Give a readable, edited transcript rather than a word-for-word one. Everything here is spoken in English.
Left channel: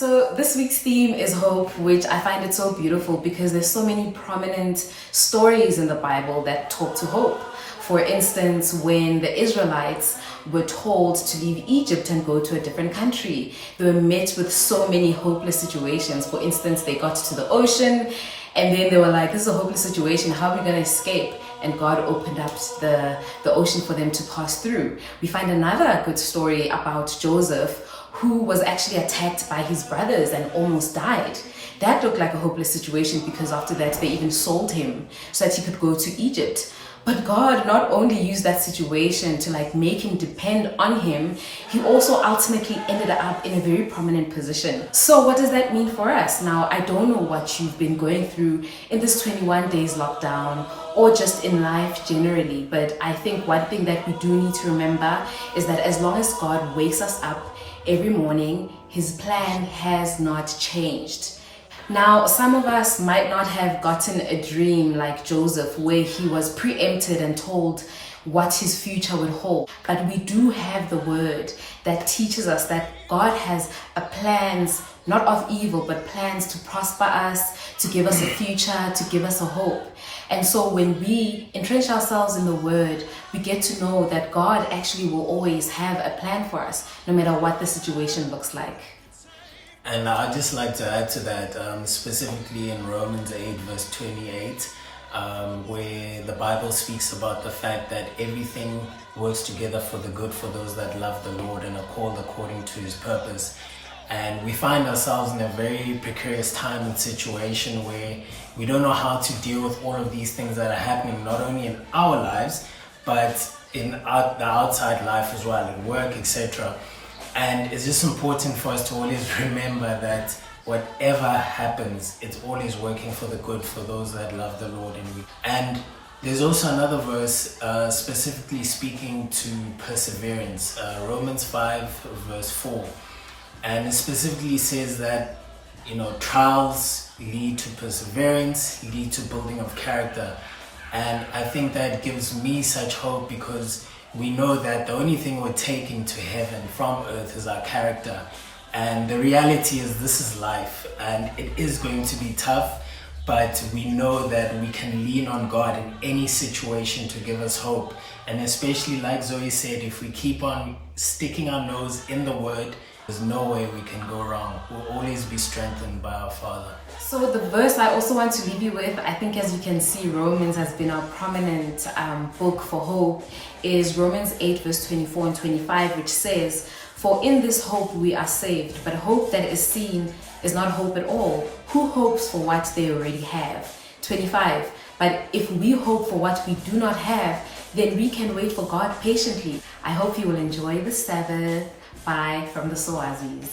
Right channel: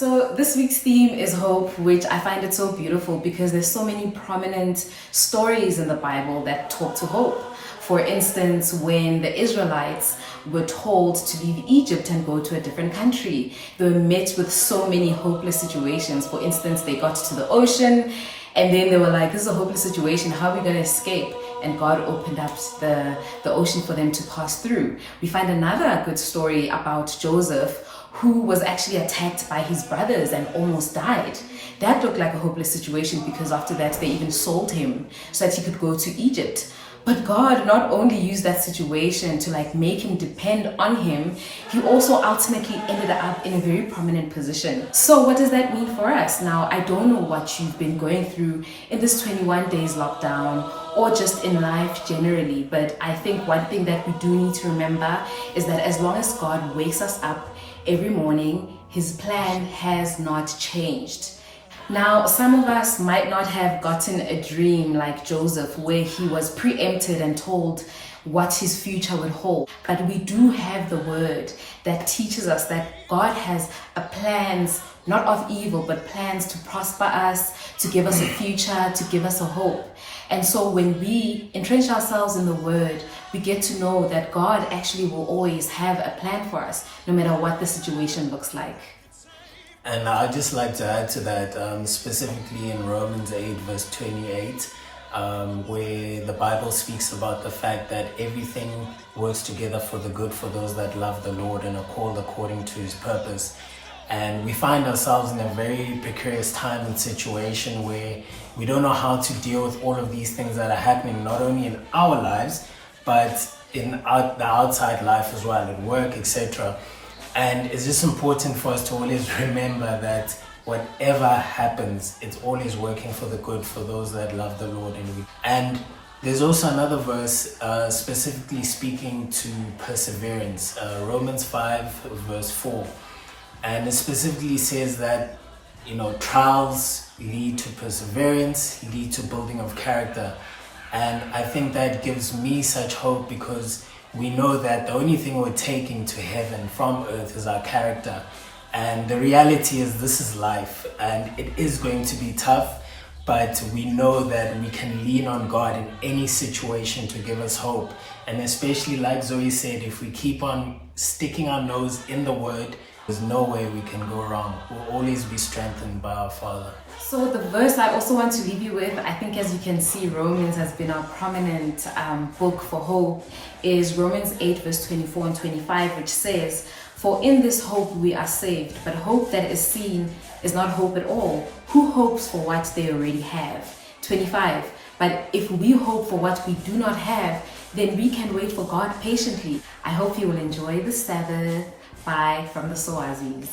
So this week's theme is hope, which I find it so beautiful because there's so many prominent stories in the Bible that talk to hope. For instance, when the Israelites were told to leave Egypt and go to a different country, they were met with so many hopeless situations. For instance, they got to the ocean and then they were like, this is a hopeless situation. How are we going to escape? And God opened up the ocean for them to pass through. We find another good story about Joseph, who was actually attacked by his brothers and almost died. That looked like a hopeless situation because after that they even sold him so that he could go to Egypt. But God not only used that situation to make him depend on him, he also ultimately ended up in a very prominent position. So what does that mean for us? Now, I don't know what you've been going through in this 21 days lockdown or just in life generally, but I think one thing that we do need to remember is that as long as God wakes us up every morning, his plan has not changed. Now, some of us might not have gotten a dream like Joseph, where he was preempted and told what his future would hold. But we do have the word that teaches us that God has a plans, not of evil, but plans to prosper us, to give us a future, to give us a hope. And so when we entrench ourselves in the word, we get to know that God actually will always have a plan for us, no matter what the situation looks like. And I'd just like to add to that, specifically in Romans 8 verse 28, where the Bible speaks about the fact that everything works together for the good for those that love the Lord and are called according to his purpose. And we find ourselves in a very precarious time and situation where we don't know how to deal with all of these things that are happening, not only in our lives, but in the outside life as well, at work, etc. And it's just important for us to always remember that whatever happens, it's always working for the good for those that love the Lord. And there's also another verse specifically speaking to perseverance, Romans 5 verse 4. And it specifically says that, trials lead to perseverance, lead to building of character. And I think that gives me such hope because we know that the only thing we're taking to heaven from earth is our character. And the reality is this is life and it is going to be tough, but we know that we can lean on God in any situation to give us hope. And especially like Zoe said, if we keep on sticking our nose in the word, there's no way we can go wrong. We'll always be strengthened by our Father. So the verse I also want to leave you with, I think as you can see, Romans has been a prominent book for hope, is Romans 8 verse 24 and 25, which says, "For in this hope we are saved, but hope that is seen is not hope at all. Who hopes for what they already have?" 25, "But if we hope for what we do not have, then we can wait for God patiently." I hope you will enjoy the Sabbath. Bye from the Sowazis.